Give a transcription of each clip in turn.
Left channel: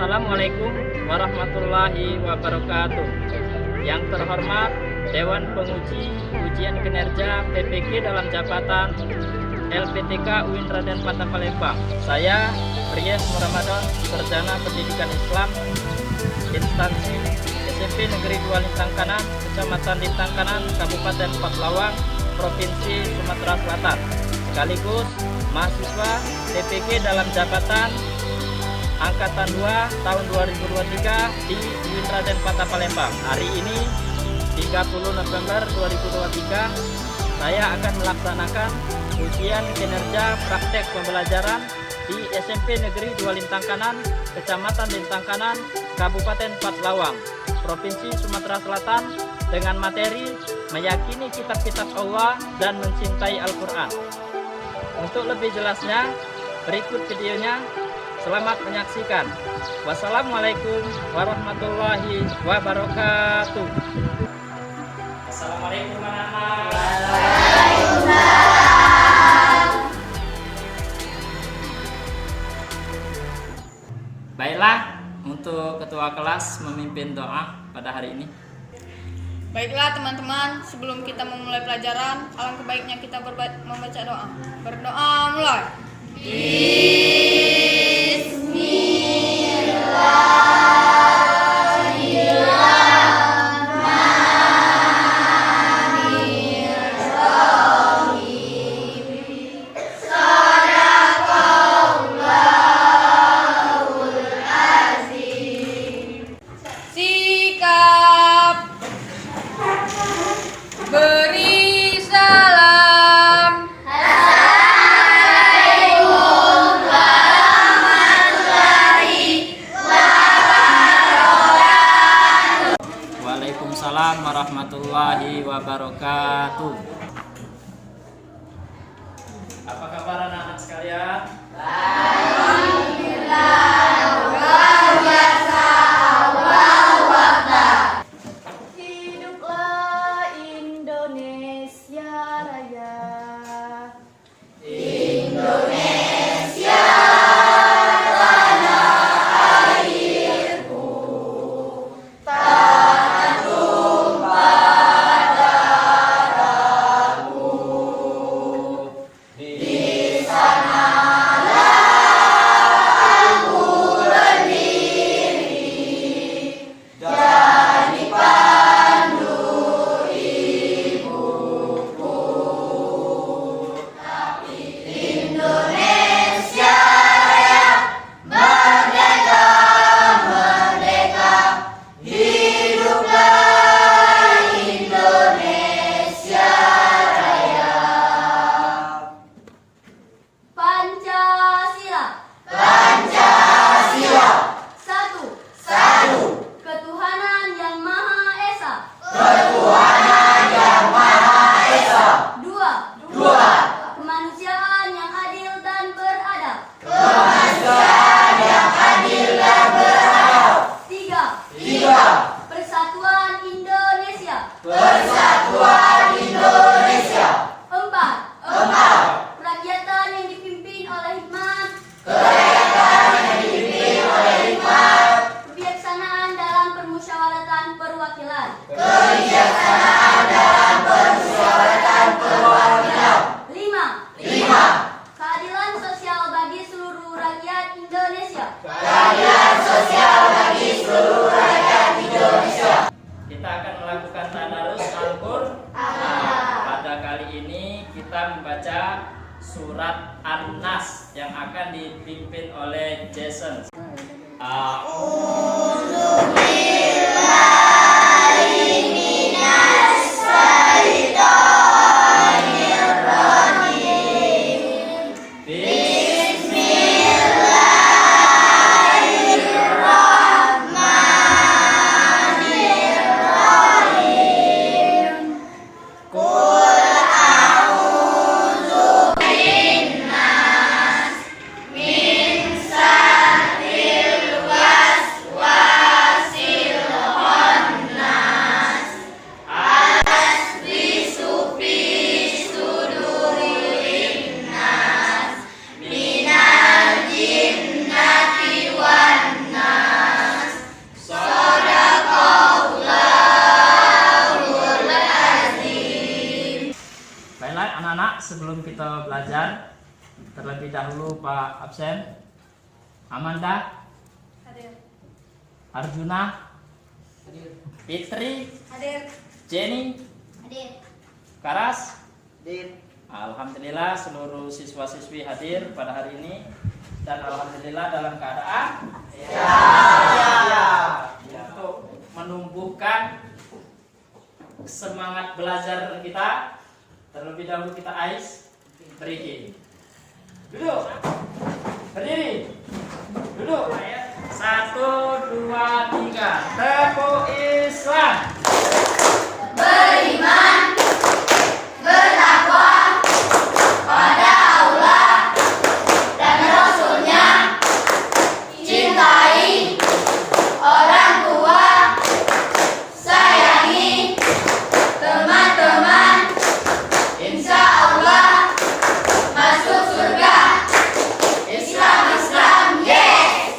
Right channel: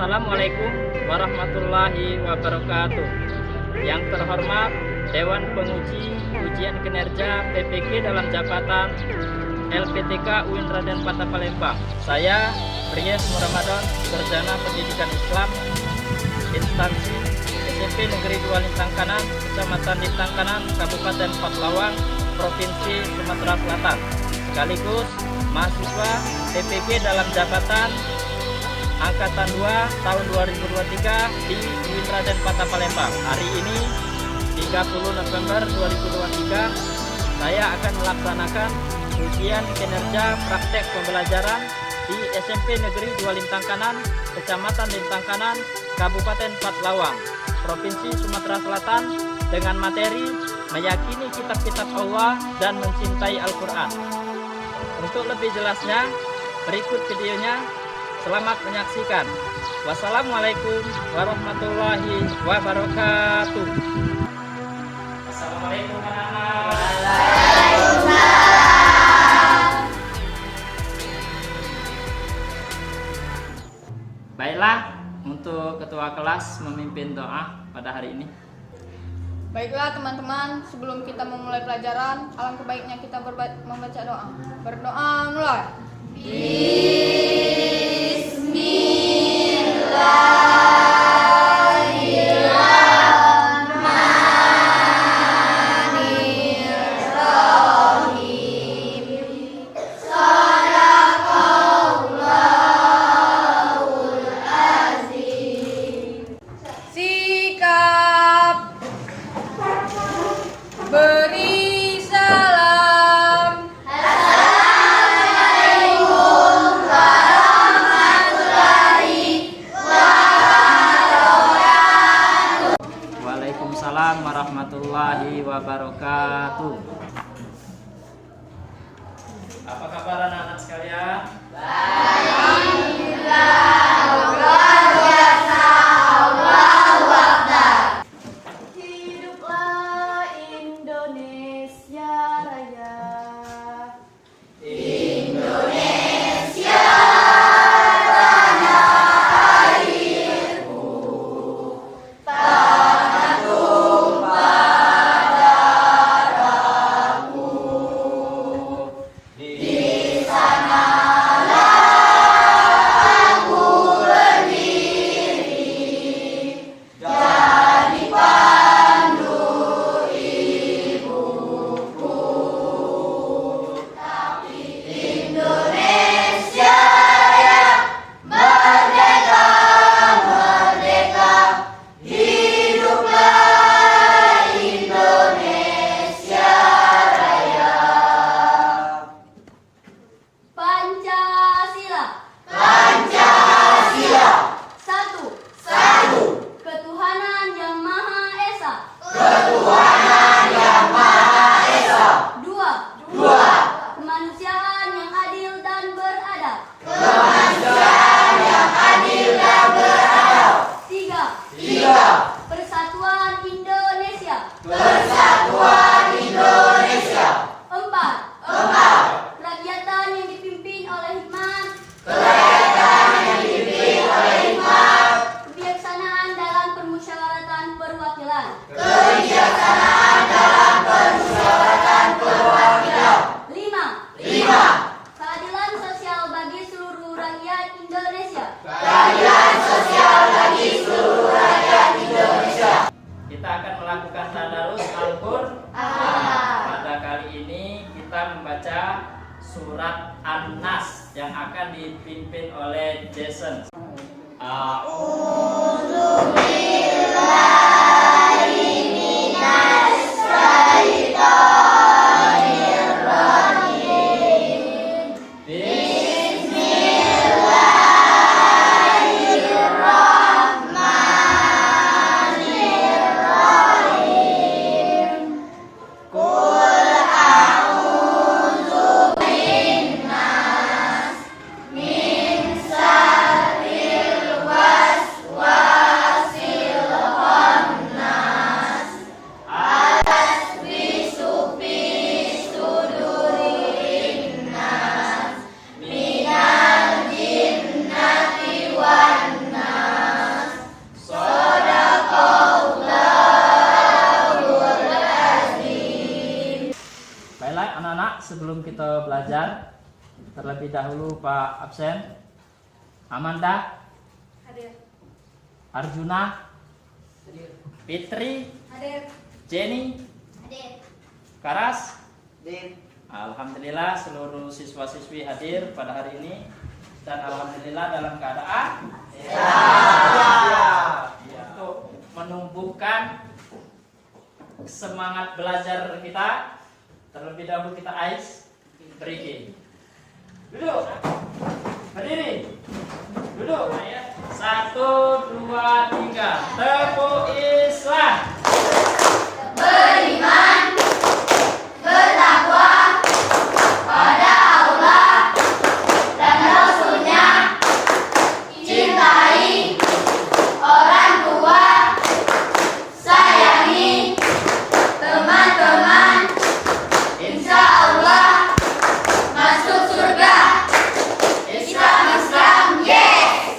Assalamualaikum warahmatullahi wabarakatuh. Yang terhormat Dewan Penguji Ujian Kinerja PPG dalam jabatan LPTK UIN Raden Patah Palembang. Saya Pries Ramadan, Sarjana Pendidikan Islam, instansi SMP Negeri 2 Lintang Kanan, Kecamatan Lintang Kanan, Kabupaten Patlawang, Provinsi Sumatera Selatan, sekaligus mahasiswa PPG dalam jabatan Angkatan 2 tahun 2023 di UIN Raden Patah Palembang. Hari ini 30 November 2023 saya akan melaksanakan ujian kinerja praktek pembelajaran di SMP Negeri 2 Lintang Kanan, Kecamatan Lintang Kanan, Kabupaten Patlawang, Provinsi Sumatera Selatan dengan materi meyakini kitab-kitab Allah dan mencintai Al-Quran. Untuk lebih jelasnya, berikut videonya. Selamat menyaksikan. Wassalamualaikum warahmatullahi wabarakatuh. Assalamualaikum anak-anak. Baiklah, untuk ketua kelas memimpin doa pada hari ini. Baiklah teman-teman, sebelum kita memulai pelajaran, alangkah baiknya kita membaca doa. Berdoa mulai. Sikap beri salam. Assalamualaikum warahmatullahi wabarakatuh. Waalaikumsalam warahmatullahi wabarakatuh. Apa kabar anak-anak sekalian? Hiduplah Indonesia Raya. Pancasila. Satu. Ketuhanan Yang Maha Esa. Dua. Kemanusiaan yang adil dan beradab. Tiga. Persatuan Indonesia. Empat. Kerakyatan yang dipimpin oleh hikmat. Kebijaksanaan dalam permusyawaratan perwakilan. Lima. Keadilan sosial bagi seluruh rakyat Indonesia. Kita akan melakukan tadarus Al-Qur'an. Pada kali ini kita membaca surat An-Nas yang akan dipimpin oleh Jason. Min syarril waswasil sebelum kita belajar, terlebih dahulu Pak absen. Amanda, Hadir. Arjuna, Fitri, Hadir. Jenny, Hadir. Karas. Hadir. Alhamdulillah seluruh siswa-siswi hadir pada hari ini, dan alhamdulillah dalam keadaan siap untuk menumbuhkan semangat belajar kita. Terlebih dahulu kita ais breaking. Duduk. Berdiri. Duduk. 1, 2, 3. Tepuk Islam. Beriman, berdakwah pada Allah dan Rasulnya, cintai orang tua, sayangi teman-teman, insya Allah masuk surga. Islam, yes!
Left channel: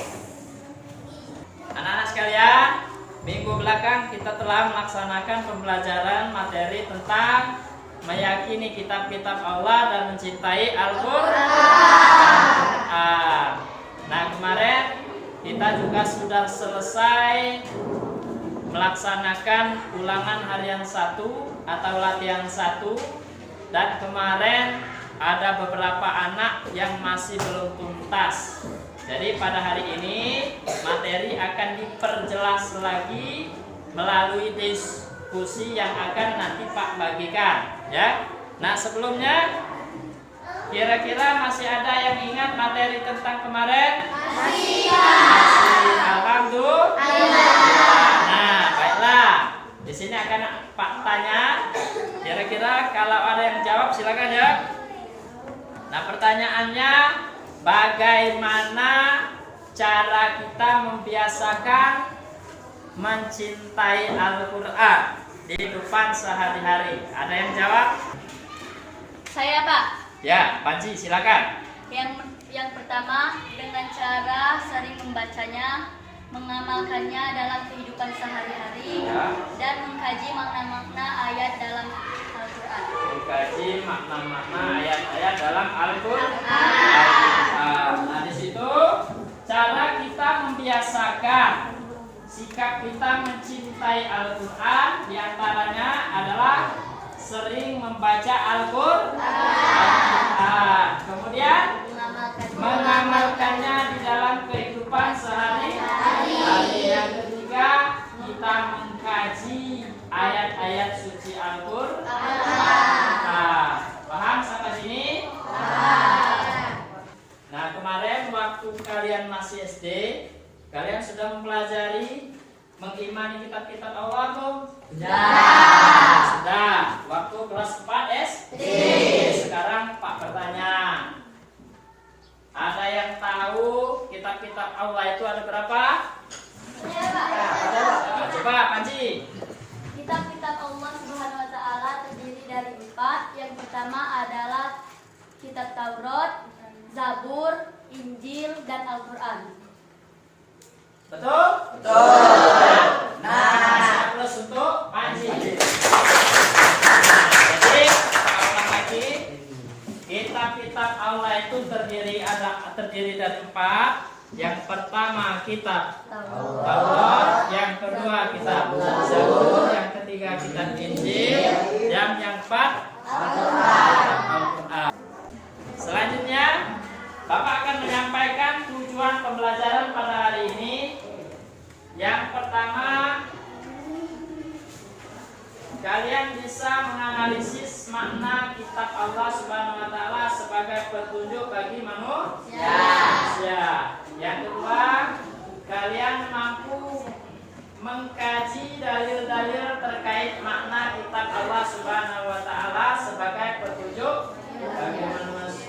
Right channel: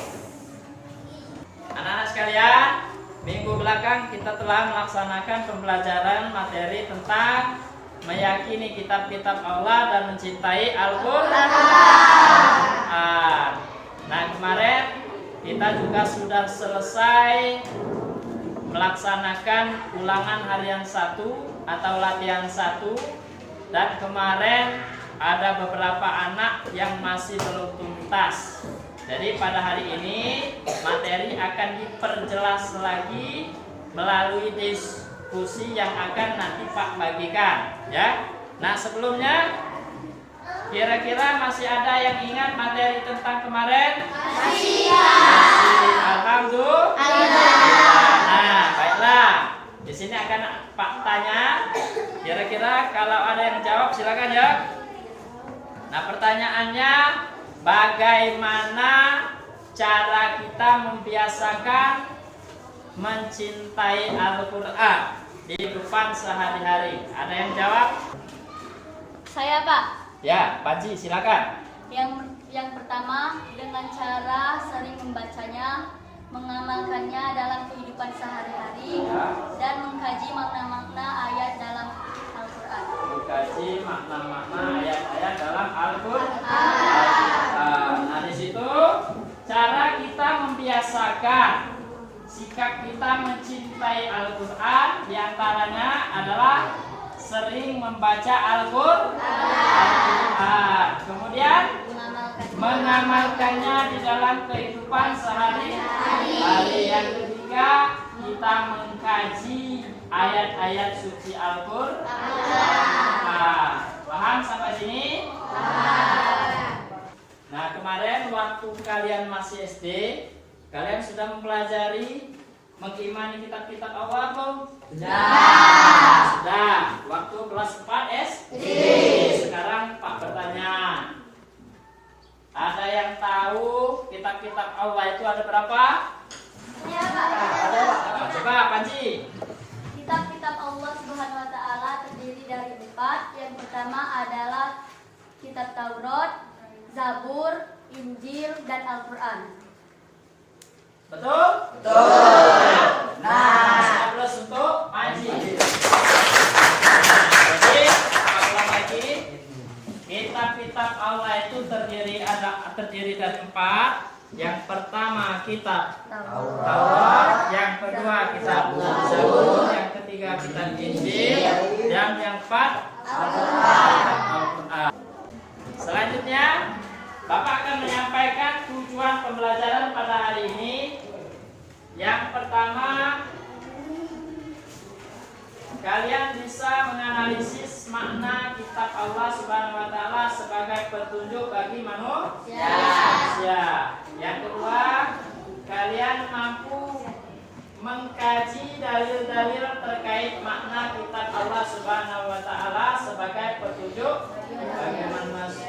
Anak-anak sekalian, minggu belakang kita telah melaksanakan pembelajaran materi tentang meyakini kitab-kitab Allah dan mencintai Al-Quran. Nah, kemarin kita juga sudah selesai melaksanakan ulangan harian 1 atau latihan 1, dan kemarin ada beberapa anak yang masih belum tuntas. Jadi pada hari ini materi akan diperjelas lagi melalui diskusi yang akan nanti Pak bagikan, ya. Nah, sebelumnya kira-kira masih ada yang ingat materi tentang kemarin? Masih. Alhamdulillah. Nah, baiklah. Di sini akan Pak tanya. Kira-kira kalau ada yang jawab silakan ya. Nah, pertanyaannya, bagaimana cara kita membiasakan mencintai Al-Quran di kehidupan sehari-hari? Ada yang jawab? Saya, Pak. Ya, Panji silakan. Yang pertama, dengan cara sering membacanya, mengamalkannya dalam kehidupan sehari-hari, Ya. dan mengkaji makna-makna ayat dalam Al-Quran. Mengkaji makna-makna ayat-ayat dalam Al-Quran. Nah, di situ cara kita membiasakan sikap kita mencintai Al-Quran diantaranya adalah sering membaca Al-Quran, kemudian mengamalkannya di dalam kehidupan sehari-hari. Yang ketiga, kita mengkaji ayat-ayat suci Al-Quran. Paham sampai sini? Nah, kemarin waktu kalian masih SD, kalian sudah mempelajari mengimani kitab-kitab Allah belum? Sudah. Waktu kelas 4 SD. Sekarang Pak bertanya, ada yang tahu kitab-kitab Allah itu ada berapa? Coba Panji. Kitab-kitab Allah Subhanahu wa Ta'ala terdiri dari 4. Yang pertama adalah kitab Taurat, Zabur, Injil, dan Al-Quran. Betul? Betul. Nah, plus untuk Panji. Jadi, ulang lagi. Kitab-kitab Allah itu terdiri dari 4. Yang pertama kitab Taurat, yang kedua kitab Zabur, yang ketiga kitab Injil, yang keempat kitab Al-Quran. Selanjutnya, Bapak akan menyampaikan tujuan pembelajaran pada hari ini. Yang pertama, kalian bisa menganalisis makna kitab Allah Subhanahu wa Ta'ala sebagai petunjuk bagi manusia. Yang kedua, kalian mampu mengkaji dalil-dalil terkait makna kitab Allah Subhanahu wa Ta'ala sebagai petunjuk bagi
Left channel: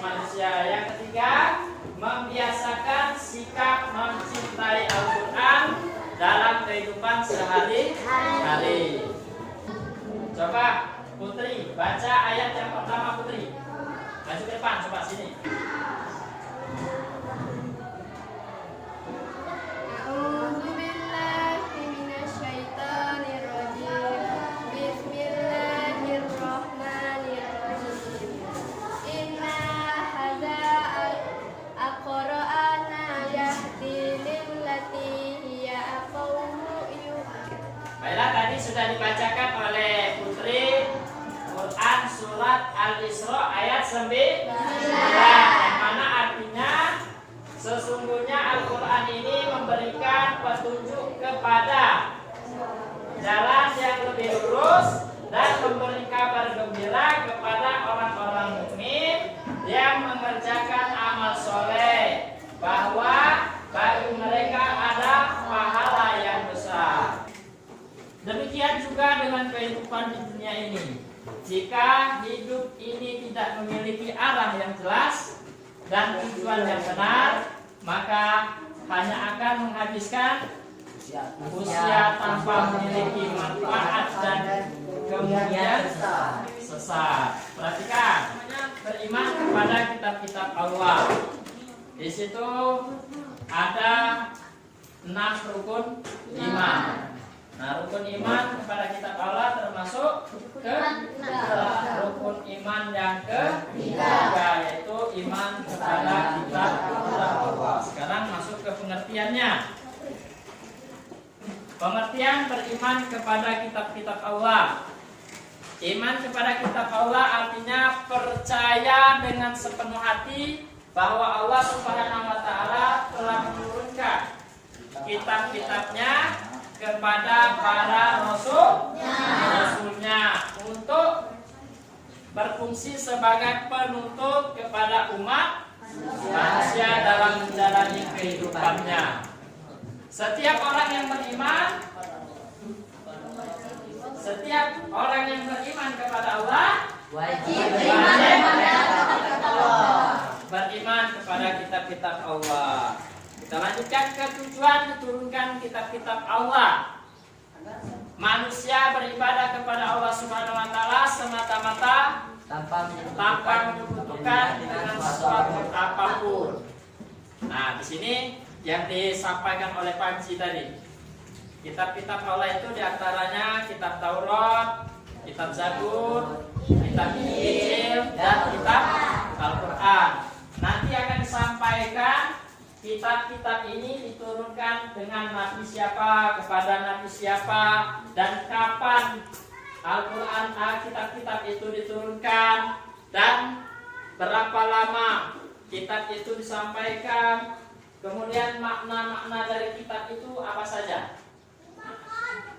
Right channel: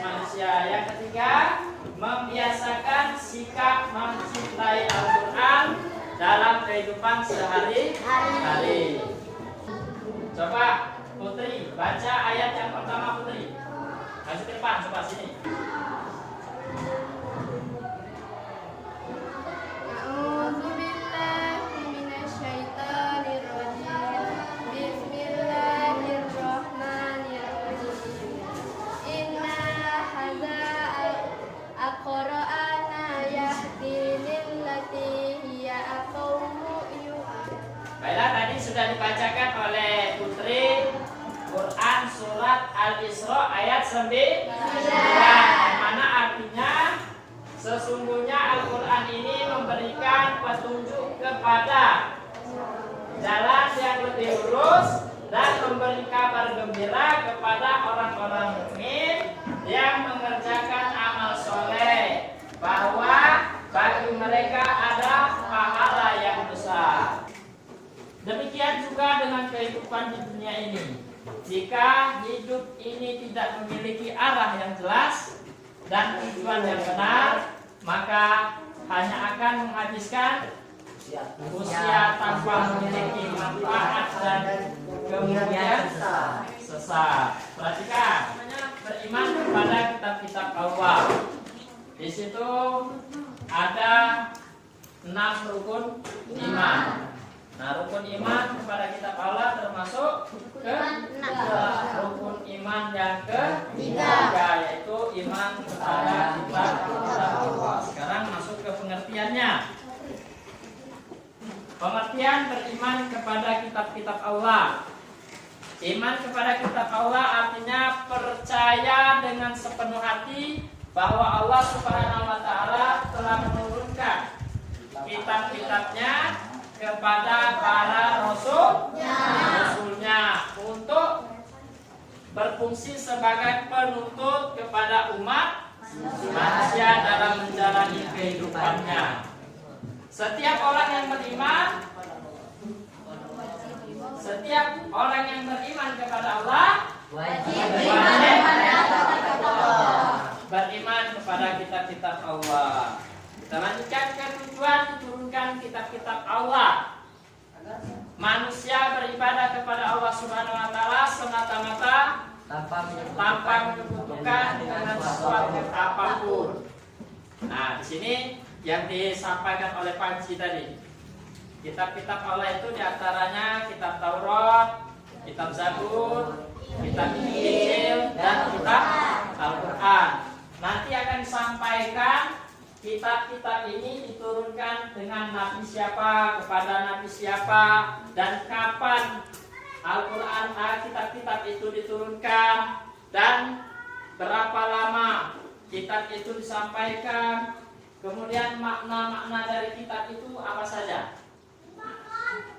manusia. Yang ketiga, membiasakan sikap mencintai Al-Quran dalam kehidupan sehari-hari. Coba Putri, baca ayat yang pertama Putri. Maju ke depan, coba sini. Bismillahirrahmanirrahim. yang mana artinya sesungguhnya Al-Quran ini memberikan petunjuk kepada jalan yang lebih lurus dan memberi kabar gembira kepada orang-orang mukmin yang mengerjakan amal soleh bahwa bagi mereka ada pahala yang besar. Demikian juga dengan kehidupan di dunia ini. Jika hidup ini tidak memiliki arah yang jelas dan tujuan yang benar, maka hanya akan menghabiskan usia tanpa memiliki manfaat dan kemudian sesat. Perhatikan, beriman kepada kitab-kitab Allah. Di situ ada 6 rukun iman. Nah, rukun iman kepada kitab Allah termasuk rukun iman yang ketiga, yaitu iman kepada kitab Allah. Sekarang masuk ke pengertiannya. Pengertian beriman kepada kitab-kitab Allah. Iman kepada kitab Allah artinya percaya dengan sepenuh hati bahwa Allah Subhanahu wa taala telah menurunkan kitab-kitabnya kepada para rasulnya untuk berfungsi sebagai penuntut kepada umat manusia dalam menjalani kehidupannya. Setiap orang yang beriman kepada Allah wajib beriman kepada kitab-kitab Allah. Kita lanjutkan ke tujuan diturunkan kitab-kitab Allah. Manusia beribadah kepada Allah Subhanahu wa taala semata-mata tanpa menyekutukan dengan sesuatu apapun. Nah, di sini yang disampaikan oleh Panji tadi. Kitab-kitab Allah itu diantaranya kitab Taurat, kitab Zabur, kitab Injil, dan kitab Al-Quran. Nanti akan disampaikan kitab-kitab ini diturunkan dengan nabi siapa, kepada nabi siapa, dan kapan Al-Quran, kitab-kitab itu diturunkan, dan berapa lama kitab itu disampaikan. Kemudian makna-makna dari kitab itu apa saja?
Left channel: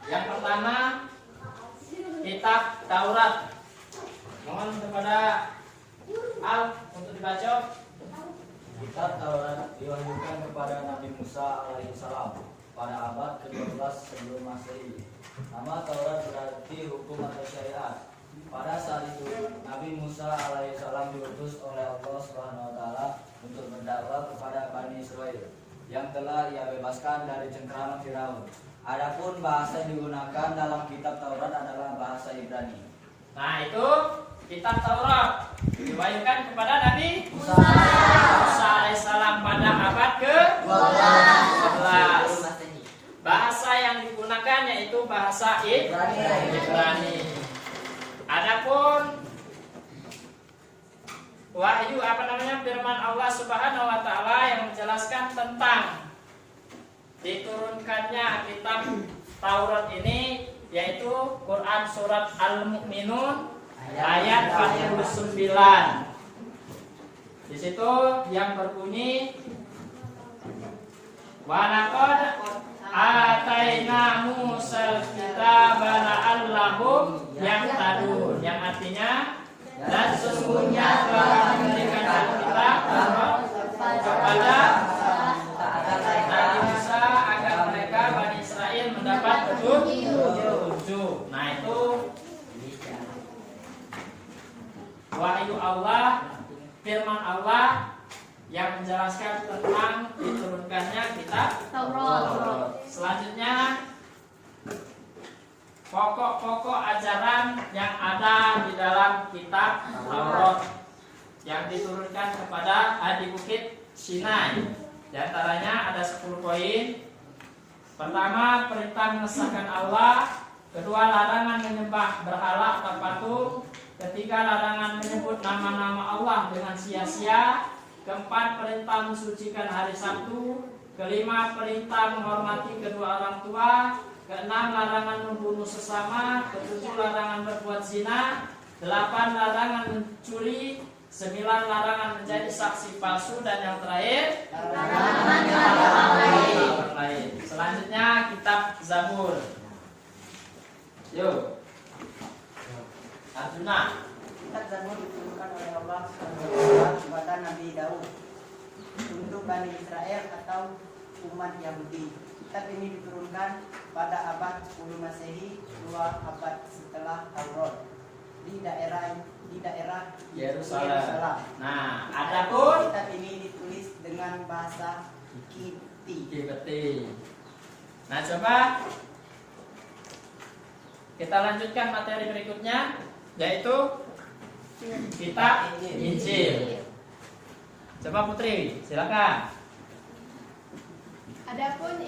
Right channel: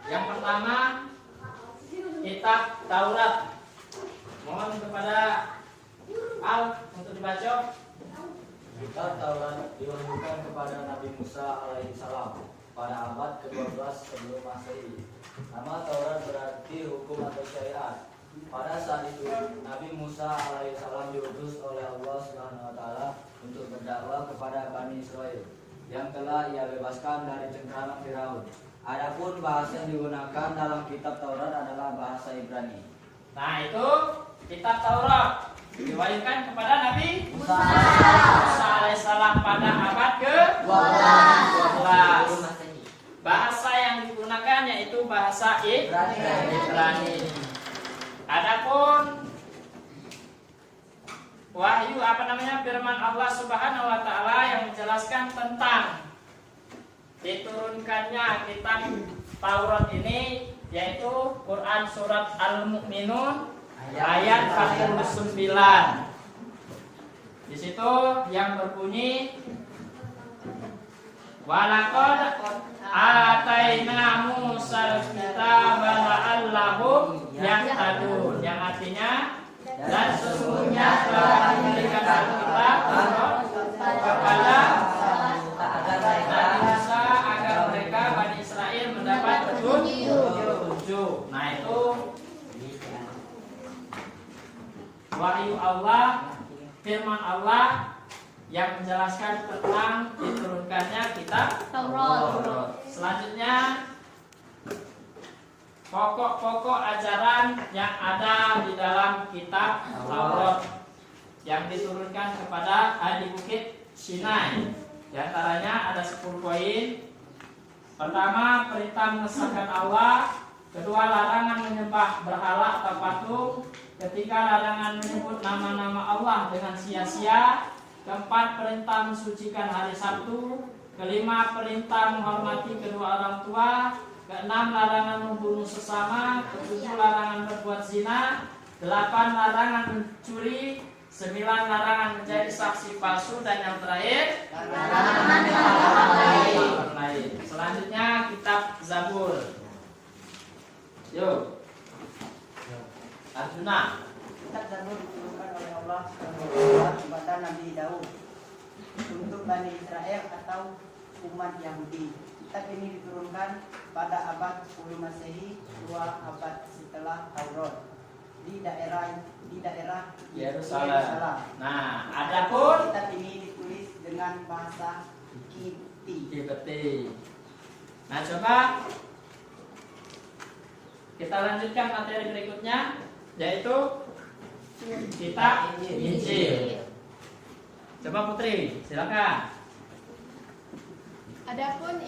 Yang pertama, kitab Taurat. Mohon kepada Al untuk dibaca. Kitab Taurat diwahyukan kepada Nabi Musa alaihissalam pada abad ke-12 sebelum Masehi. Nama Taurat berarti hukum atau syariat. Pada saat itu Nabi Musa alaihissalam diutus oleh Allah Subhanahu wa taala untuk berdakwah kepada Bani Israel yang telah ia bebaskan dari cengkraman Firaun. Adapun bahasa yang digunakan dalam kitab Taurat adalah bahasa Ibrani. Nah, itu kitab Taurat diwahyukan kepada Nabi Musa alaihissalam pada abad ke-12. Bahasa yang digunakan yaitu bahasa Ibrani. Adapun wahyu firman Allah Subhanahu wa taala yang menjelaskan tentang diturunkannya kitab Taurat ini yaitu Quran surat Al-Mu'minun ayat 49. Di situ yang berbunyi walaqad ataina Musal kitaba la'allahum yahtadun, yang artinya dan sesungguhnya telah memberikan kitab kepada Nabi Musa agar mereka Bani Israel mendapat petunjuk. Nah, itu wahyu Allah, firman Allah yang menjelaskan tentang diturunkannya kitab Taurat. Selanjutnya, pokok-pokok ajaran yang ada di dalam kitab Taurat yang diturunkan kepada di Bukit Sinai. Di antaranya ada 10 poin. Pertama, perintah mengesahkan Allah. Kedua, larangan menyembah berhala atau patung. Ketiga, larangan menyebut nama-nama Allah dengan sia-sia. Keempat, perintah mensucikan hari Sabtu. Kelima, perintah menghormati kedua orang tua. Keenam, larangan membunuh sesama. Ketujuh, larangan berbuat zina. 8, larangan mencuri. Sembilan, larangan menjadi saksi palsu. Dan yang terakhir, Larangan orang lain. Selanjutnya kitab Zabur. Yuk, Arjuna. Kitab Zabur diturunkan oleh Allah SWT kepada Nabi Daud untuk Bani Israel atau umat Yahudi. Kitab ini diturunkan pada abad 10 Masehi, 2 abad setelah Taurat, di daerah Yerusalem. Nah, adapun Kitab ini ditulis dengan bahasa Kipti. Kipti. Nah, coba kita lanjutkan materi berikutnya, yaitu kitab Injil. Coba Putri, silakan. Adapun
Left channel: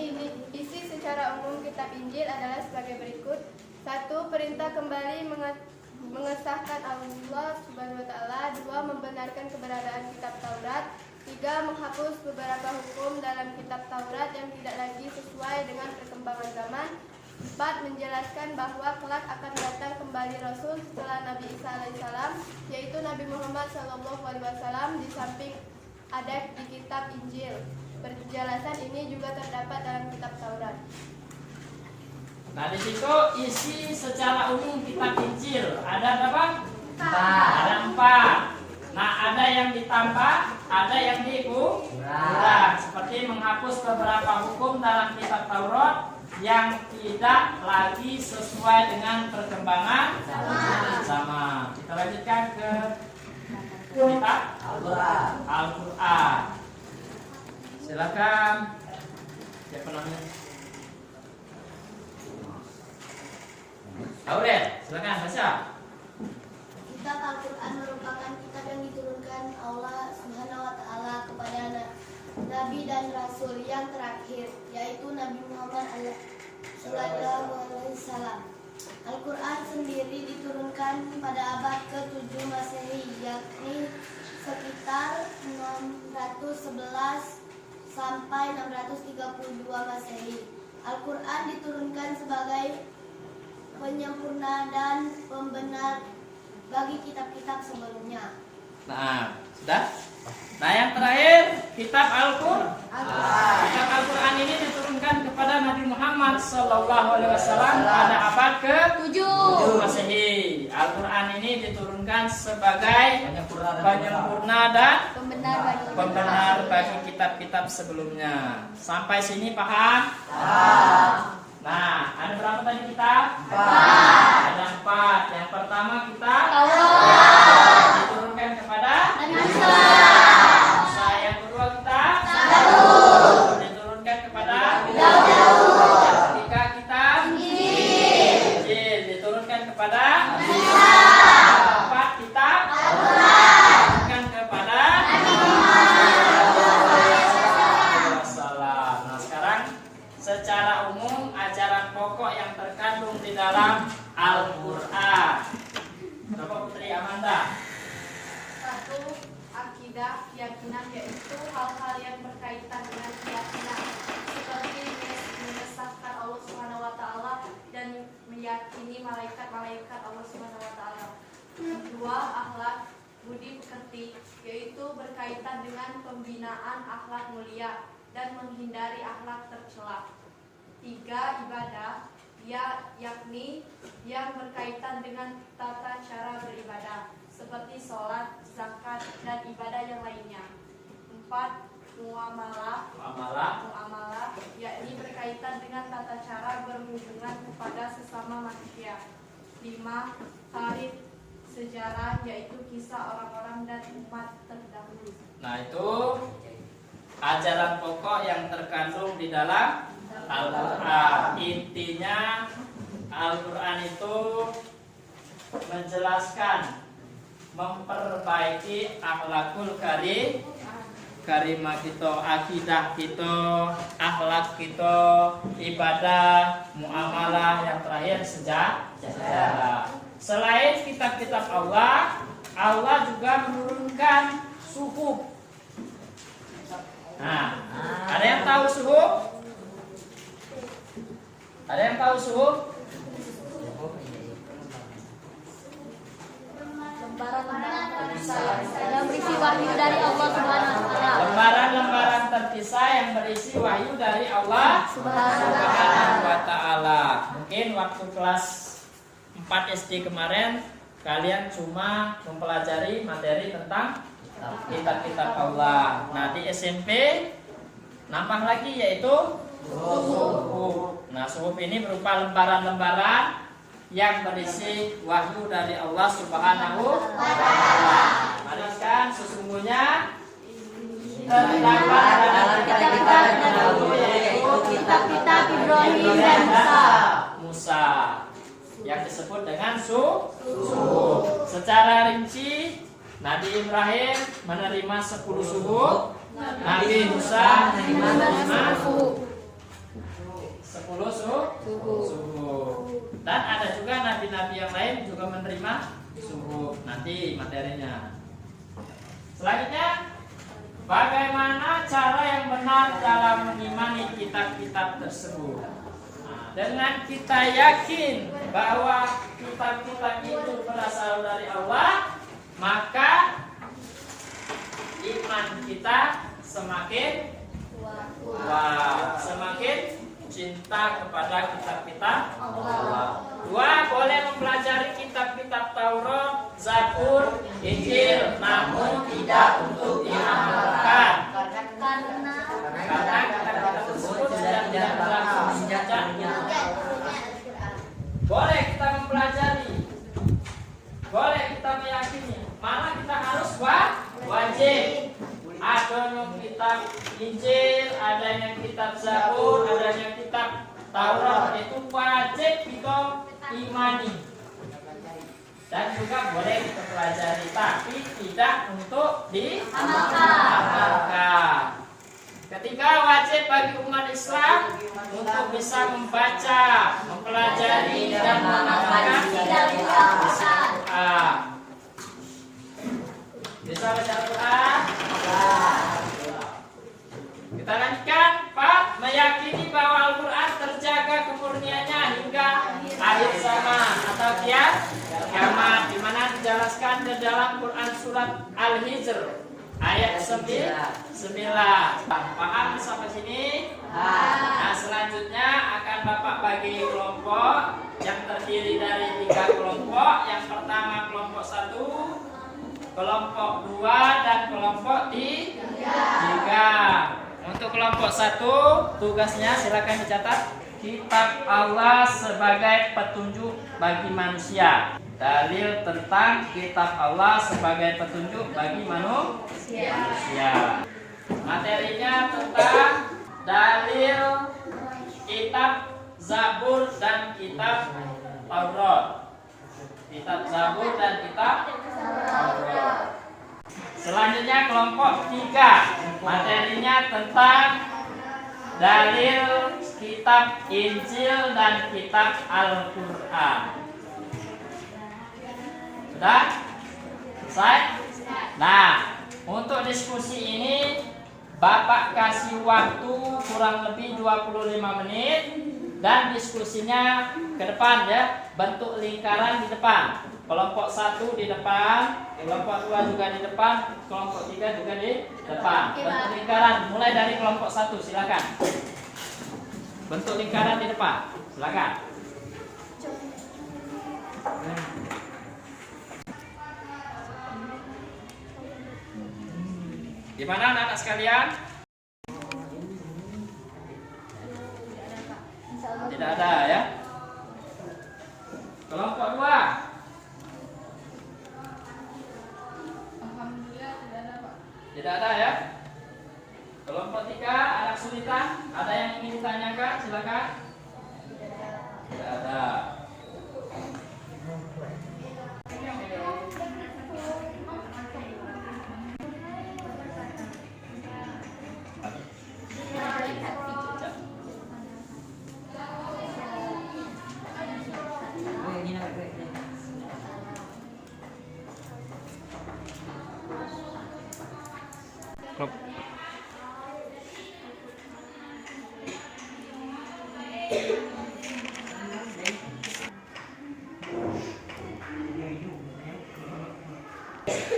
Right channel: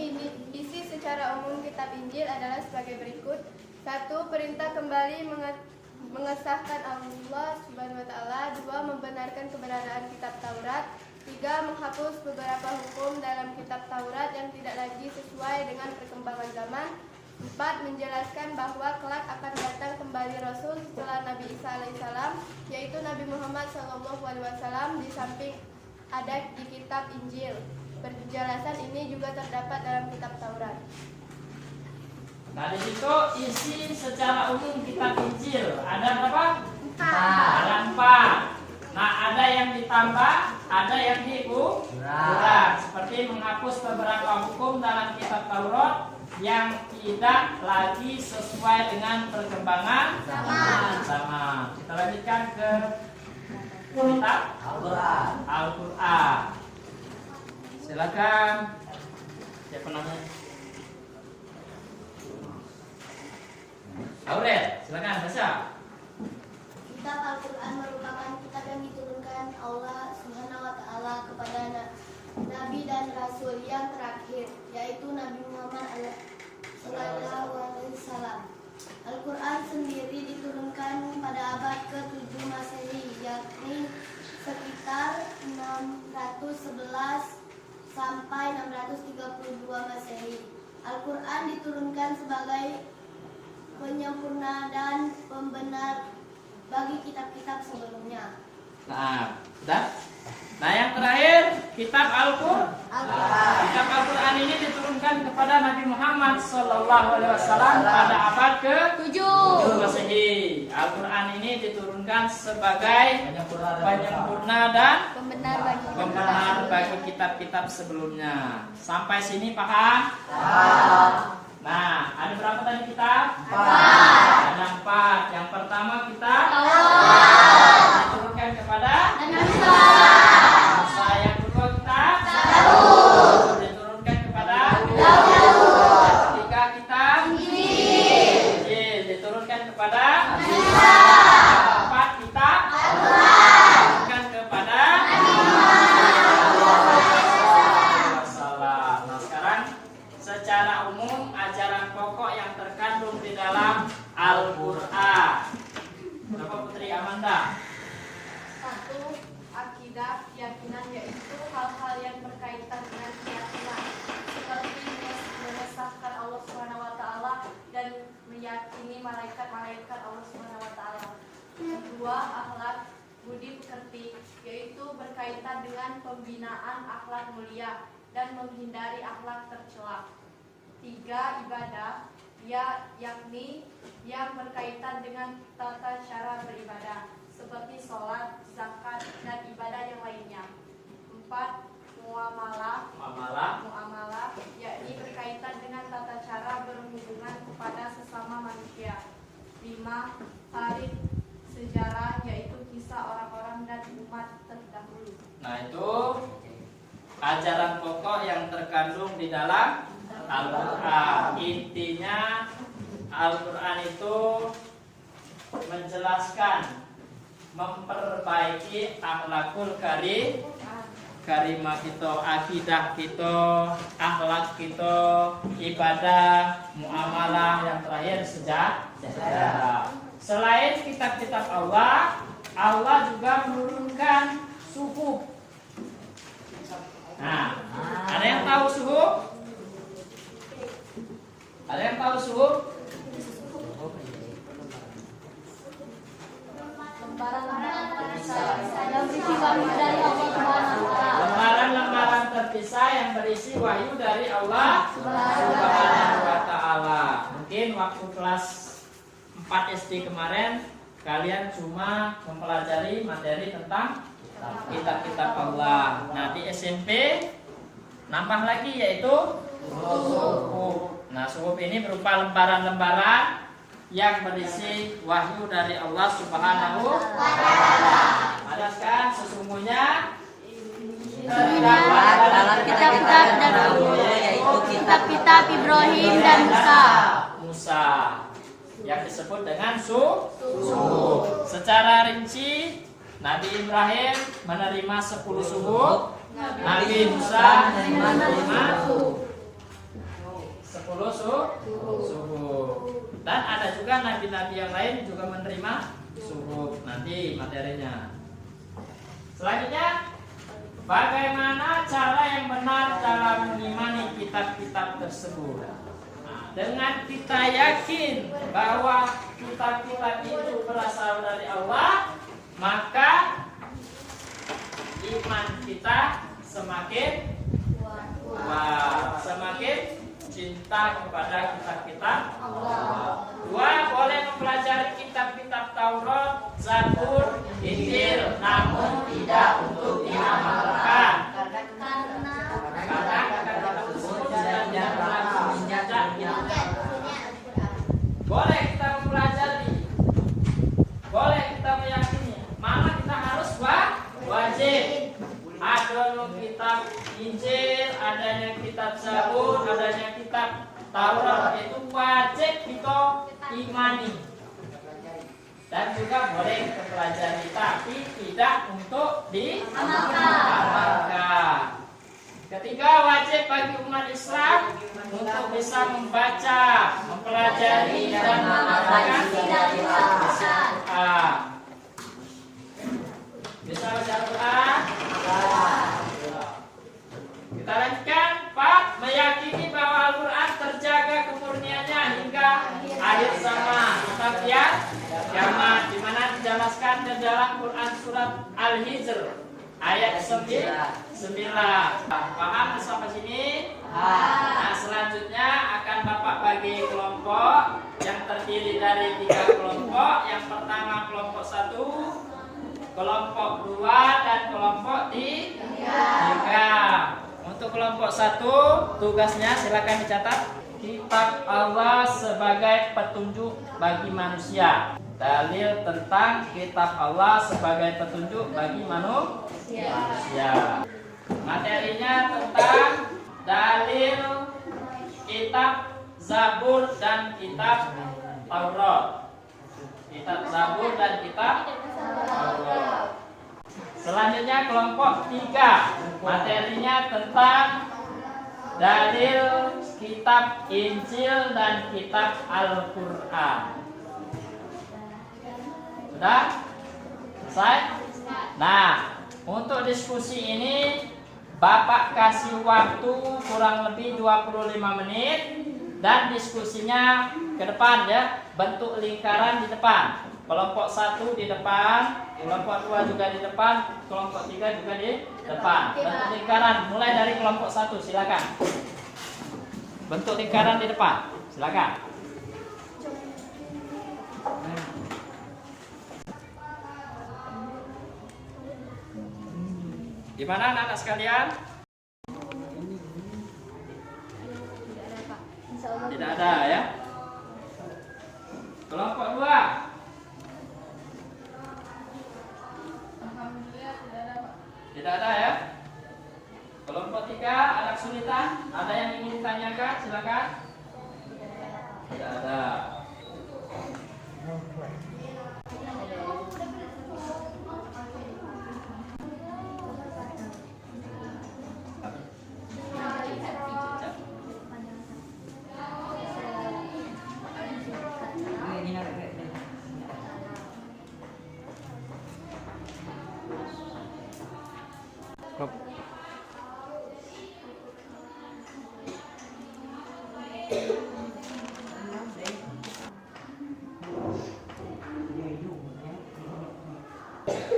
isi secara umum kitab Injil adalah sebagai berikut. 1. Perintah kembali mengesahkan Allah Subhanahu wa taala. 2. Membenarkan keberadaan kitab Taurat. 3. Menghapus beberapa hukum dalam kitab Taurat yang tidak lagi sesuai dengan perkembangan zaman. 4. Menjelaskan bahwa kelak akan datang kembali Rasul setelah Nabi Isa alaihissalam, yaitu Nabi Muhammad SAW, di samping ada di kitab Injil. Penjelasan ini juga terdapat dalam kitab Taurat. Nah, di situ isi secara umum kitab Injil ada berapa? 4. Ada 4. Nah, ada yang ditambah, ada yang dikurang. Seperti menghapus beberapa hukum dalam kitab Taurat yang tidak lagi sesuai dengan perkembangan zaman. Kita lanjutkan ke kitab Al-Quran. Silakan. Siapa namanya? Aurel, silakan baca. Kitab Al-Quran merupakan kitab yang diturunkan Allah Subhanahu wa taala kepada Nabi dan Rasul yang terakhir, yaitu Nabi Muhammad sallallahu alaihi wasallam. Al-Quran sendiri diturunkan pada abad ke-7 Masehi, yakni sekitar 611 sampai 632 Masehi. Al-Quran diturunkan sebagai penyempurna dan pembenar bagi kitab-kitab sebelumnya. Nah, sudah? Nah, yang terakhir kitab Al-Quran. Kitab Al-Quran ini diturunkan kepada Nabi Muhammad SAW pada abad ke-7 Masehi. Al-Quran ini diturunkan sebagai penyempurna dan pembenar bagi kitab-kitab sebelumnya. Sampai sini paham? Nah, ada berapa tadi kitab? 4. Ada 4. Yang pertama kitab Taurat, diturunkan kepada Nabi Musa. Yang kedua kitab Zabur, diturunkan kepada Daud. Yang ketiga kitab Injil, diturunkan kepada Isa. Yang keempat kitab Al-Quran, diturunkan kepada Nabi Muhammad. Nah, sekarang secara umum ajaran pokok yang terkandung di dalam Al-Quran. Bapak Putri Amanda. 1. Akidah, keyakinan, yaitu hal-hal yang berkaitan dengan keyakinan, seperti mengesahkan Allah Subhanahu wa taala dan meyakini malaikat-malaikat Allah Subhanahu wa taala. 2. Akhlak, budi pekerti, yaitu berkaitan dengan pembinaan akhlak mulia dan menghindari akhlak tercela. 3. Ibadah, yakni yang berkaitan dengan tata cara beribadah, seperti sholat, zakat, dan ibadah yang lainnya. 4. Muamalah, yakni berkaitan dengan tata cara berhubungan kepada sesama manusia. 5. Tarikh, sejarah, yaitu kisah orang-orang dan umat terdahulu. Nah, itu ajaran pokok yang terkandung di dalam Al-Quran. Intinya Al-Quran itu menjelaskan, memperbaiki akhlakul karimah kita, akidah kita, akhlak kita, ibadah, muamalah, yang terakhir sejarah. Selain kitab-kitab Allah, Allah juga menurunkan suhuf. Nah, ada yang tahu suhuf? Ada yang tahu suhuf? Lembaran berisi wahyu dari Allah Subhanahu wa Ta'ala. Mungkin waktu kelas 4 SD kemarin kalian cuma mempelajari materi tentang kitab-kitab Allah. Nah, di SMP nambah lagi yaitu suhuf. Nah, suhuf ini berupa lembaran-lembaran yang berisi wahyu dari Allah Subhanahu wa Ta'ala. Kan sesungguhnya terdapat dalam kitab-kitab terdahulu yaitu kitab-kitab Ibrahim dan Musa yang disebut dengan suhuf. Secara rinci Nabi Ibrahim menerima 10 suhuf, Nabi Musa menerima 10 suhuf. Dan ada juga nabi-nabi yang lain juga menerima suhuf. Nanti materinya. Selanjutnya, bagaimana cara yang benar dalam mengimani kitab-kitab tersebut? Nah, dengan kita yakin bahwa kitab-kitab itu berasal dari Allah, maka iman kita semakin kuat, semakin cinta kepada kitab-kitab Allah. Dua, boleh mempelajari kitab-kitab Taurat, Zabur, Injil, namun tidak untuk diamalkan. Karena kitab-kitab tersebut sudah tidak berlangsung sejaknya. Boleh kita mempelajari, boleh kita meyakini, malah kita harus wajib. Adanya kitab Injil, adanya kitab Zabur, adanya kitab Taurat, itu wajib kita imani. Dan juga boleh kita pelajari, tapi tidak untuk diamalkan. Ketiga, wajib bagi umat Islam untuk bisa membaca, mempelajari dan menghafalkan Al-Quran. Bisa baca Al-Quran? Kita lanjutkan, Pak. Meyakini bahwa Al-Quran terjaga kemurniannya hingga akhir zaman atau kiamat, di mana dijelaskan di dalam Quran surat Al-Hijr ayat 9. Paham sampai sini? Nah, selanjutnya akan Bapak bagi kelompok yang terdiri dari 3 kelompok. Yang pertama kelompok 1, kelompok 2, dan kelompok 3. Untuk kelompok 1, tugasnya silakan dicatat. Kitab Allah sebagai petunjuk bagi manusia. Dalil tentang kitab Allah sebagai petunjuk bagi manusia. Materinya tentang dalil kitab Zabur dan kitab Taurat. Kitab Zabur dan kitab Taurat. Selanjutnya kelompok 3, materinya tentang dalil kitab Injil dan kitab Al-Quran. Sudah? Selesai? Nah, untuk diskusi ini Bapak kasih waktu kurang lebih 25 menit. Dan diskusinya ke depan ya, bentuk lingkaran di depan. Kelompok 1 di depan, kelompok 2 juga di depan, kelompok 3 juga di depan. Bentuk lingkaran mulai dari kelompok 1, silakan. Bentuk lingkaran di depan, silakan. Gimana anak-anak sekalian? Tidak ada ya. Kelompok 2. Tidak ada ya. Kelompok 3 ada kesulitan, ada yang ingin ditanyakan, silakan. Tidak ada.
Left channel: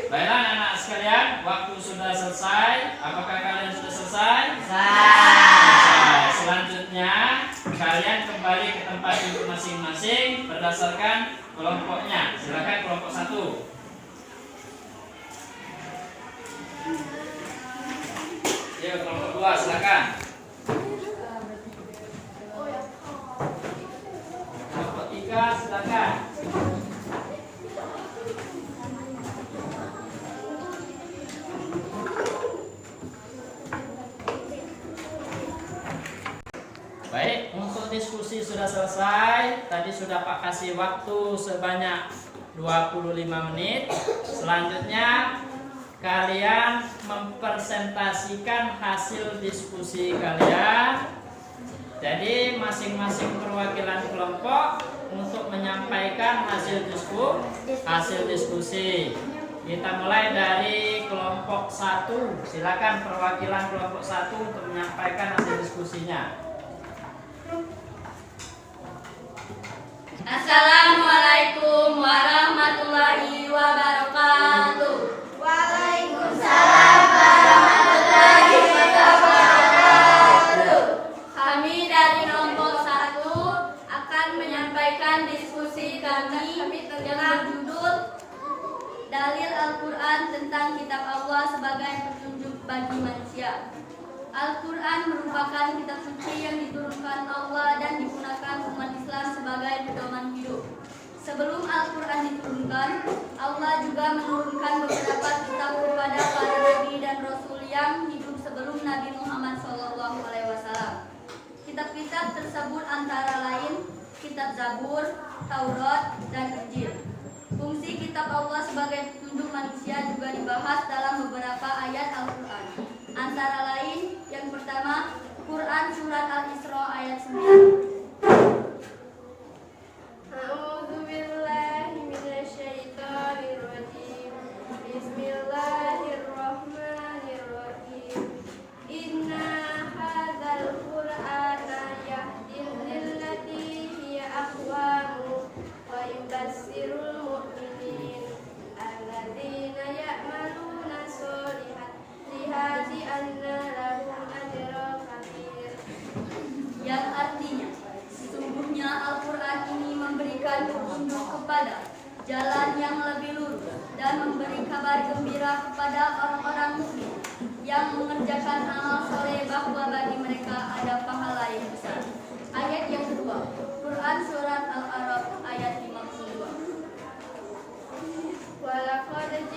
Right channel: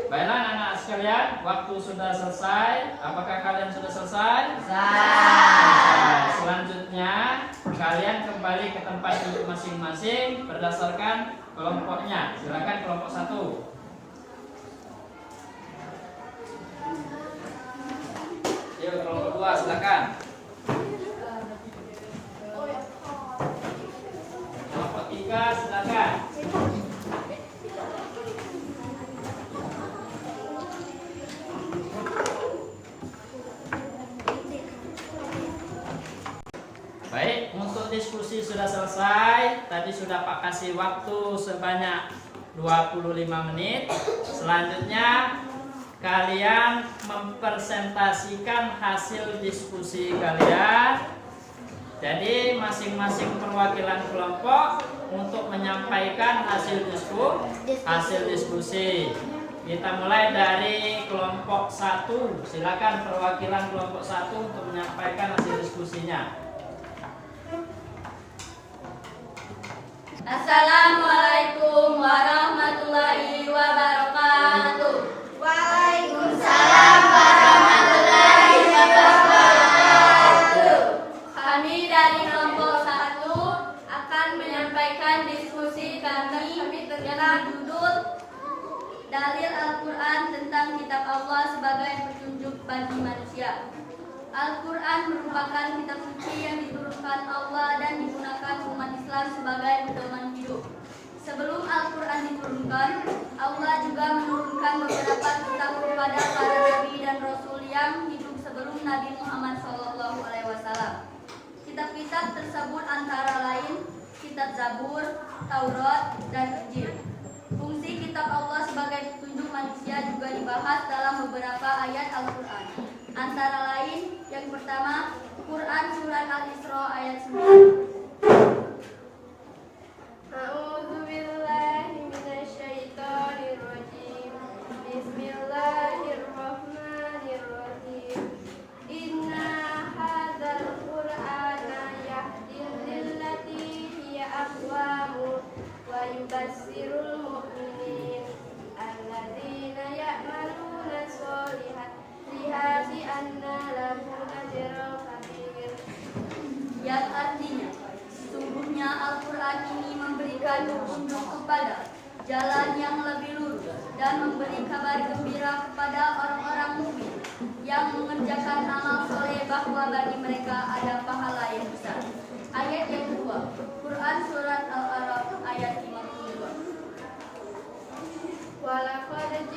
Baiklah anak-anak sekalian, waktu sudah selesai. Apakah kalian sudah selesai? Selesai. Selanjutnya kalian kembali ke tempat duduk masing-masing berdasarkan kelompoknya. Silakan kelompok 1. Yuk kelompok 2 silakan. Kelompok 3 silakan. Baik, untuk diskusi sudah selesai. Tadi sudah Pak kasih waktu sebanyak 25 menit. Selanjutnya kalian mempresentasikan hasil diskusi kalian. Jadi masing-masing perwakilan kelompok untuk menyampaikan hasil diskusi. Kita mulai dari kelompok 1. Silakan perwakilan kelompok 1 untuk menyampaikan hasil diskusinya. Assalamualaikum warahmatullahi wabarakatuh. Waalaikumsalam warahmatullahi wabarakatuh. Kami dari kelompok 1 akan menyampaikan diskusi kami dengan judul Dalil Al-Quran tentang Kitab Allah sebagai petunjuk bagi manusia. Al-Quran merupakan kitab suci yang diturunkan Allah dan digunakan umat Islam sebagai pedoman hidup. Sebelum Al-Quran diturunkan, Allah juga menurunkan beberapa kitab kepada para nabi dan rasul yang hidup sebelum Nabi Muhammad SAW. Kitab-kitab tersebut antara lain kitab Zabur, Taurat, dan Injil. Fungsi kitab Allah sebagai petunjuk manusia juga dibahas dalam beberapa ayat Al-Quran. Antara lain, yang pertama, Quran Surat Al-Isra ayat 9. A'udzubillahi minasyaitonirrajim. Bismillahirrahmanirrahim. Inna hadzal Qur'ana yahdi lillati hiya aqwamu wa yubassirul mu'minin alladzina ya'maluna sholihat lihati anna lahum ajra kabir. Yang artinya, sesungguhnya Al-Quran ini memberikan petunjuk kepada jalan yang lebih lurus dan memberi kabar gembira kepada orang-orang mukmin yang mengerjakan amal soleh bahwa bagi mereka ada pahala yang besar. Ayat yang kedua, Quran Surat Al-A'raf ayat 52. Walaqad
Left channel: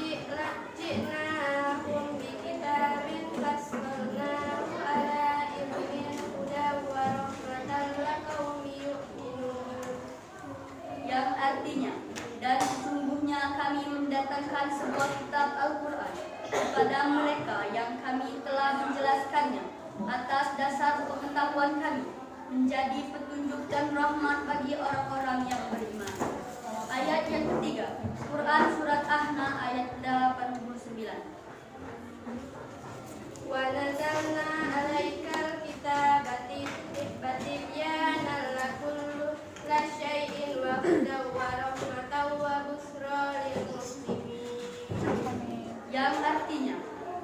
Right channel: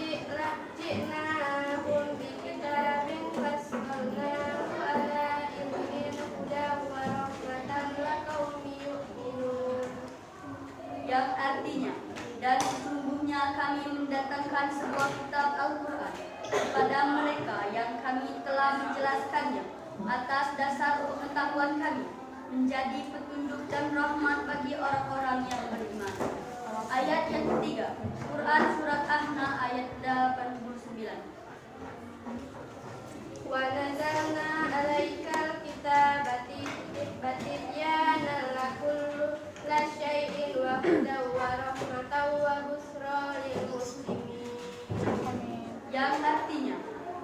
ji'nahum bikitabin fassalnahu ala ilmin hudan wa rahmatan liqaumin yu'minun. Yang artinya, dan sesungguhnya kami mendatangkan sebuah kitab Al-Quran kepada mereka yang kami telah menjelaskannya atas dasar pengetahuan kami, menjadi petunjuk dan rahmat bagi orang-orang yang beriman. Ayat yang ketiga, Quran Surat Ahna ayat 89. Wa nazalna alaikal kitaba tibyanan lakulli syai'in wa hudan wa rahmatan wa busra lil muslimin. Yang artinya,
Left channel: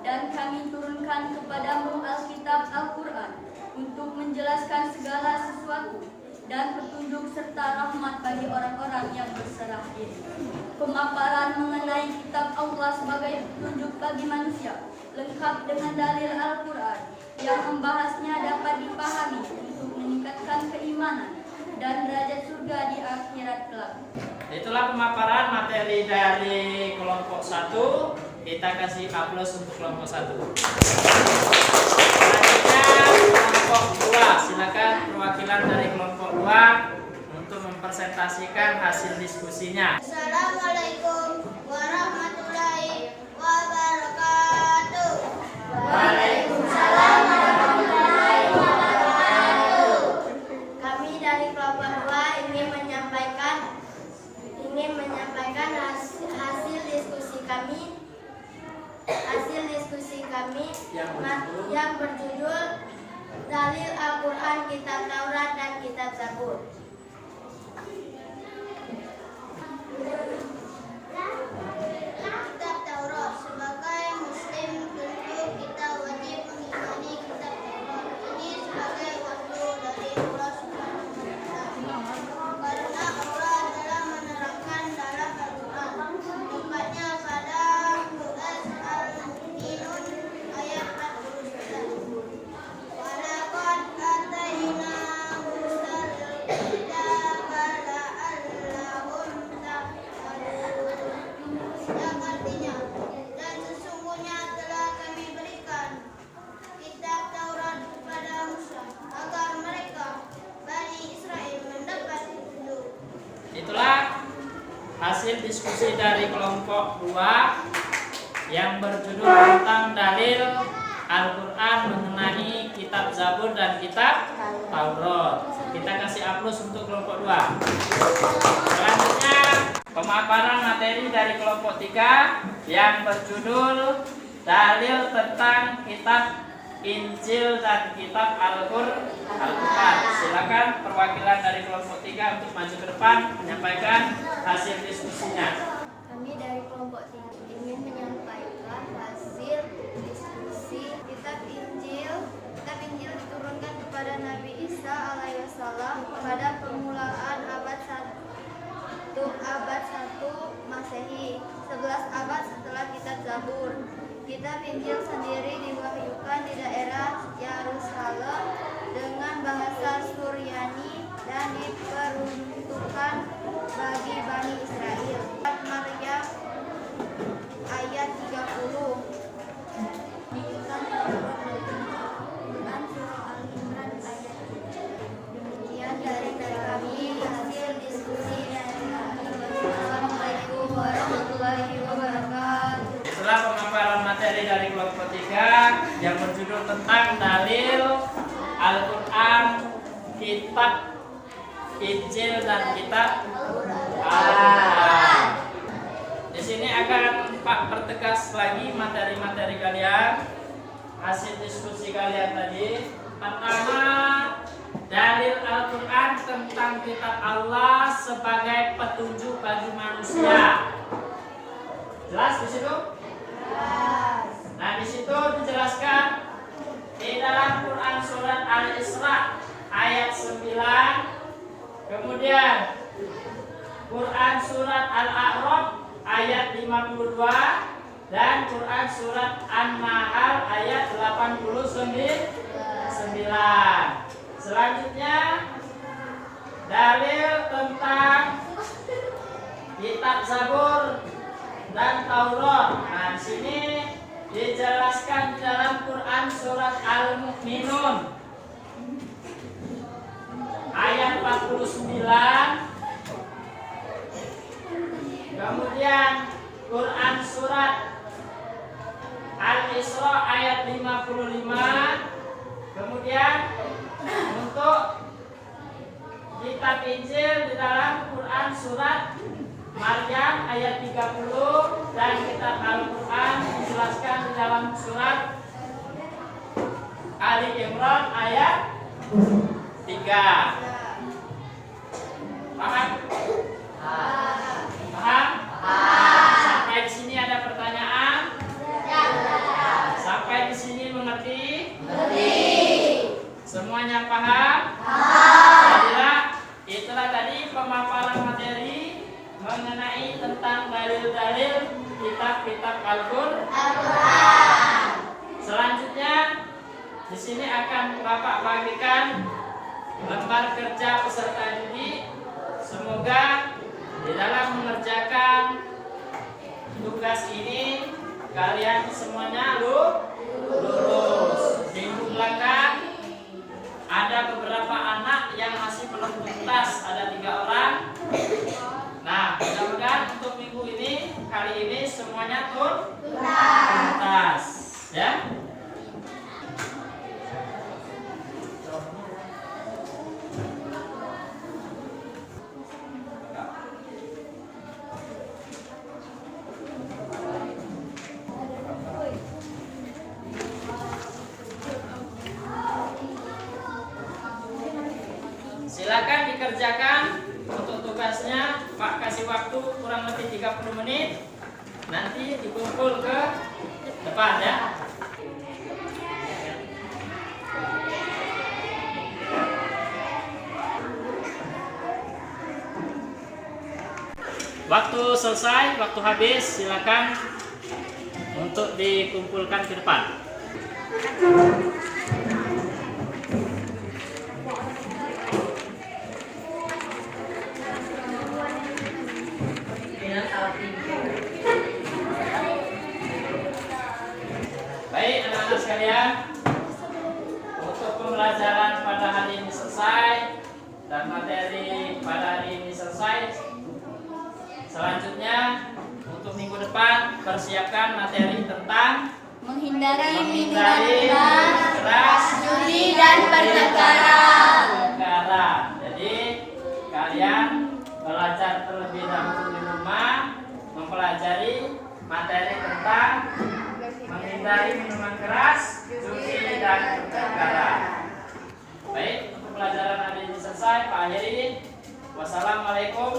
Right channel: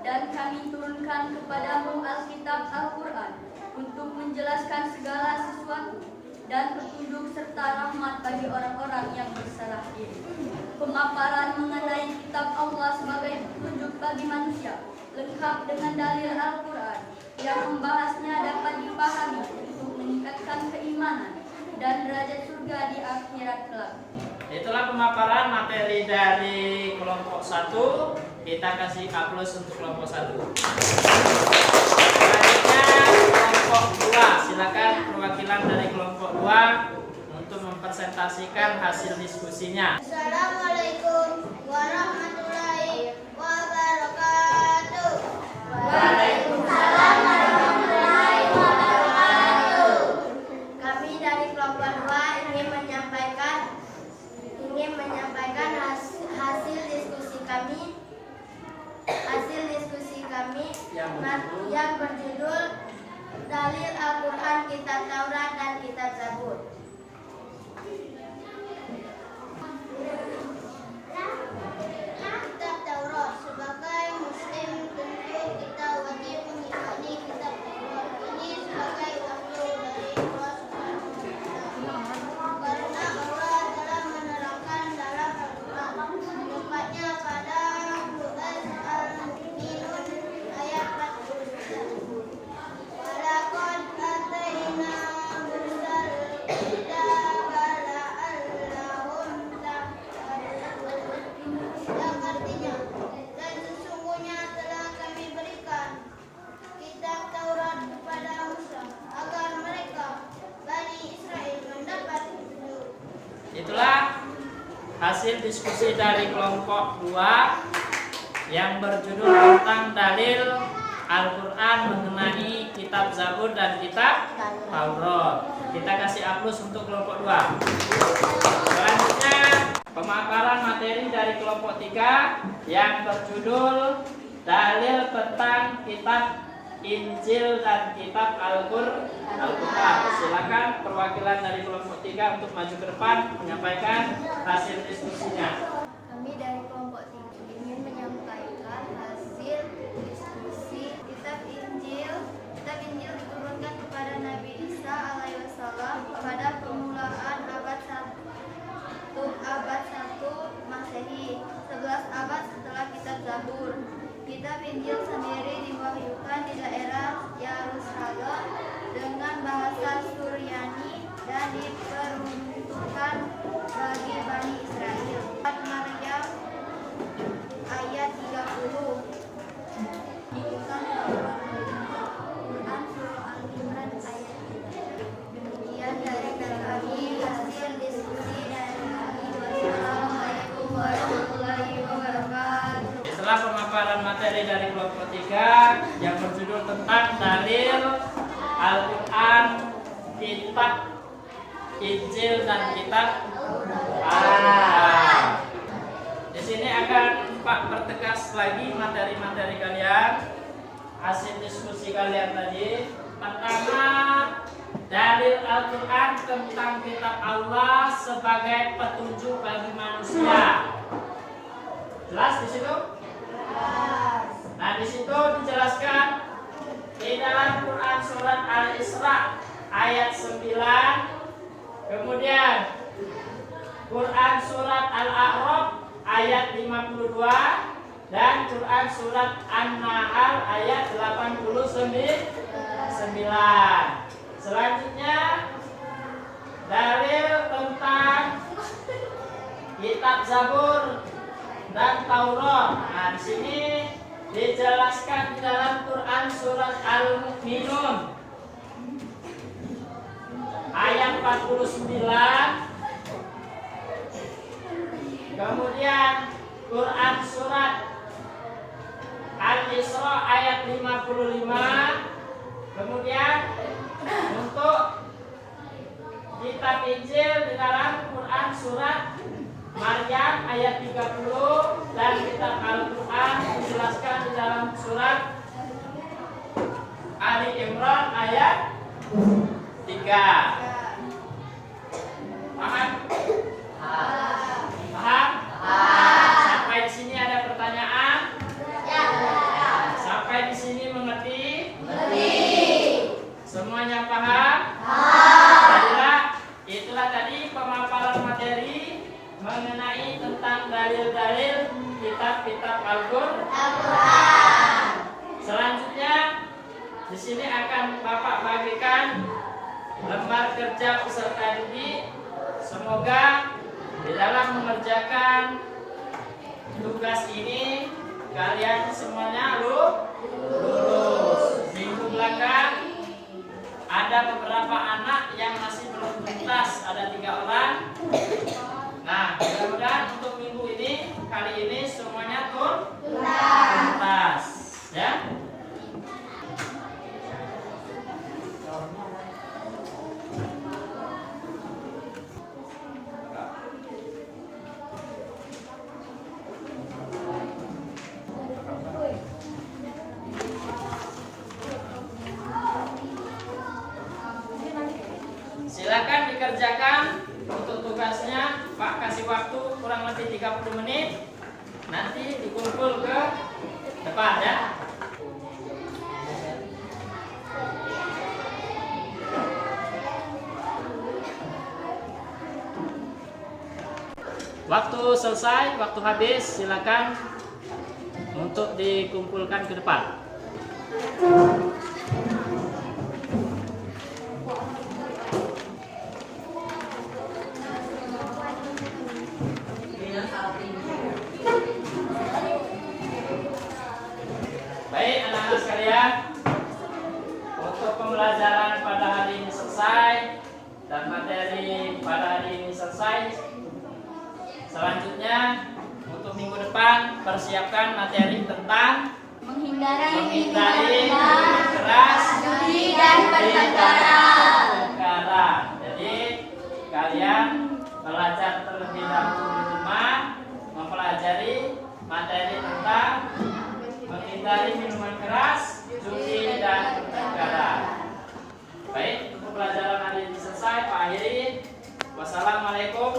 dan kami turunkan kepadamu Alkitab Al-Quran untuk menjelaskan segala sesuatu dan petunjuk serta rahmat bagi orang-orang yang berserah diri. Pemaparan mengenai kitab Allah sebagai petunjuk bagi manusia lengkap dengan dalil Al-Quran yang membahasnya dapat dipahami untuk meningkatkan keimanan dan derajat surga di akhirat kelak. Itulah pemaparan materi dari kelompok 1. Kita kasih aplaus untuk kelompok 1. Selanjutnya kelompok 2. Silakan perwakilan dari kelompok 2 untuk mempresentasikan hasil diskusinya. Assalamualaikum warahmatullahi wabarakatuh. Waalaikumsalam warahmatullahi wabarakatuh. Kami dari kelompok 2 ingin menyampaikan hasil diskusi kami yang berjudul Dalil Al-Quran, Kitab Taurat, dan Kitab Zabur. Kitab Taurat. Sebagai muslim hasil diskusi dari kelompok 2 yang berjudul tentang dalil Al-Quran mengenai kitab Zabur dan kitab Taurat. Kita kasih aplaus untuk kelompok 2. Selanjutnya pemaparan materi dari kelompok 3 yang berjudul dalil tentang kitab Injil dan kitab Al-Quran. Silakan perwakilan dari kelompok 3 untuk maju ke depan menyampaikan hasil diskusinya. Kami dari kelompok 3 ingin menyampaikan hasil diskusi kitab Injil. Kitab Injil diturunkan kepada Nabi Isa alaihissalam pada permulaan abad 1 Masehi, 11 abad setelah kitab Zabur. Kitab Injil sendiri diwahyukan di daerah Yerusalem dengan bahasa Suryani dan diperuntukkan bagi Bani Israel. Maryam ayat 30. Bukan Quran surah Al-Imran ayat 3. Demikian dari kami hasil diskusi dari kami. Wassalamualaikum warahmatullahi wabarakatuh. Setelah pemaparan materi dari kelompok 3 yang berjudul tentang dalil Al-Quran, kitab Injil dan kitab Al-Quran. Di sini akan Pak pertegas lagi materi-materi kalian, hasil diskusi kalian tadi. Pertama, dalil Al-Quran tentang kitab Allah sebagai petunjuk bagi manusia. Jelas di situ? Nah, di situ dijelaskan di dalam Quran surat Al-Isra ayat 9, kemudian Quran surat Al-A'raf ayat 52 dan Quran surat An-Nahl ayat 89. Selanjutnya dalil tentang kitab Zabur dan Taurat. Nah, di sini dijelaskan di dalam Quran surat Al-Mu'minun ayat 49. Kemudian Quran surat Al-Isra ayat 55. Kemudian untuk kitab Injil di dalam Quran surat Maryam ayat 30 dan kitab Al-Quran dijelaskan di dalam surat Ali Imran ayat 3. Paham? Paham? Sampai di sini ada pertanyaan? Sampai di sini mengerti? Semuanya paham? Jadilah itulah tadi pemaparan materi mengenai tentang dalil-dalil kitab-kitab Al-Quran. Selanjutnya di sini akan Bapak bagikan lembar kerja peserta didik. Semoga di dalam mengerjakan tugas ini kalian semuanya lulus. Di belakang ada beberapa anak yang masih belum tuntas, ada 3 orang. Nah, mudah-mudahan untuk minggu ini, kali ini semuanya tuntas, ya. Silakan dikerjakan untuk tugasnya. Pak kasih waktu kurang lebih 30 menit. Nanti dikumpul ke depan, ya. Waktu selesai, waktu habis, silakan untuk dikumpulkan ke depan. Baik, anak-anak sekalian, untuk pembelajaran pada hari ini selesai dan materi pada hari ini selesai. Selanjutnya untuk minggu depan persiapkan materi tentang menghindari minuman keras, judi dan pertengkaran. Jadi kalian belajar terlebih dahulu di rumah mempelajari materi tentang menghindari minuman keras, judi dan pertengkaran. Baik, untuk pelajaran hari ini selesai. Pak akhiri. Wassalamualaikum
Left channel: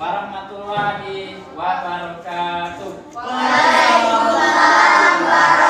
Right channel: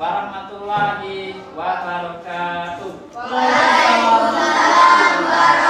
warahmatullahi wabarakatuh. Waalaikumsalam warahmatullahi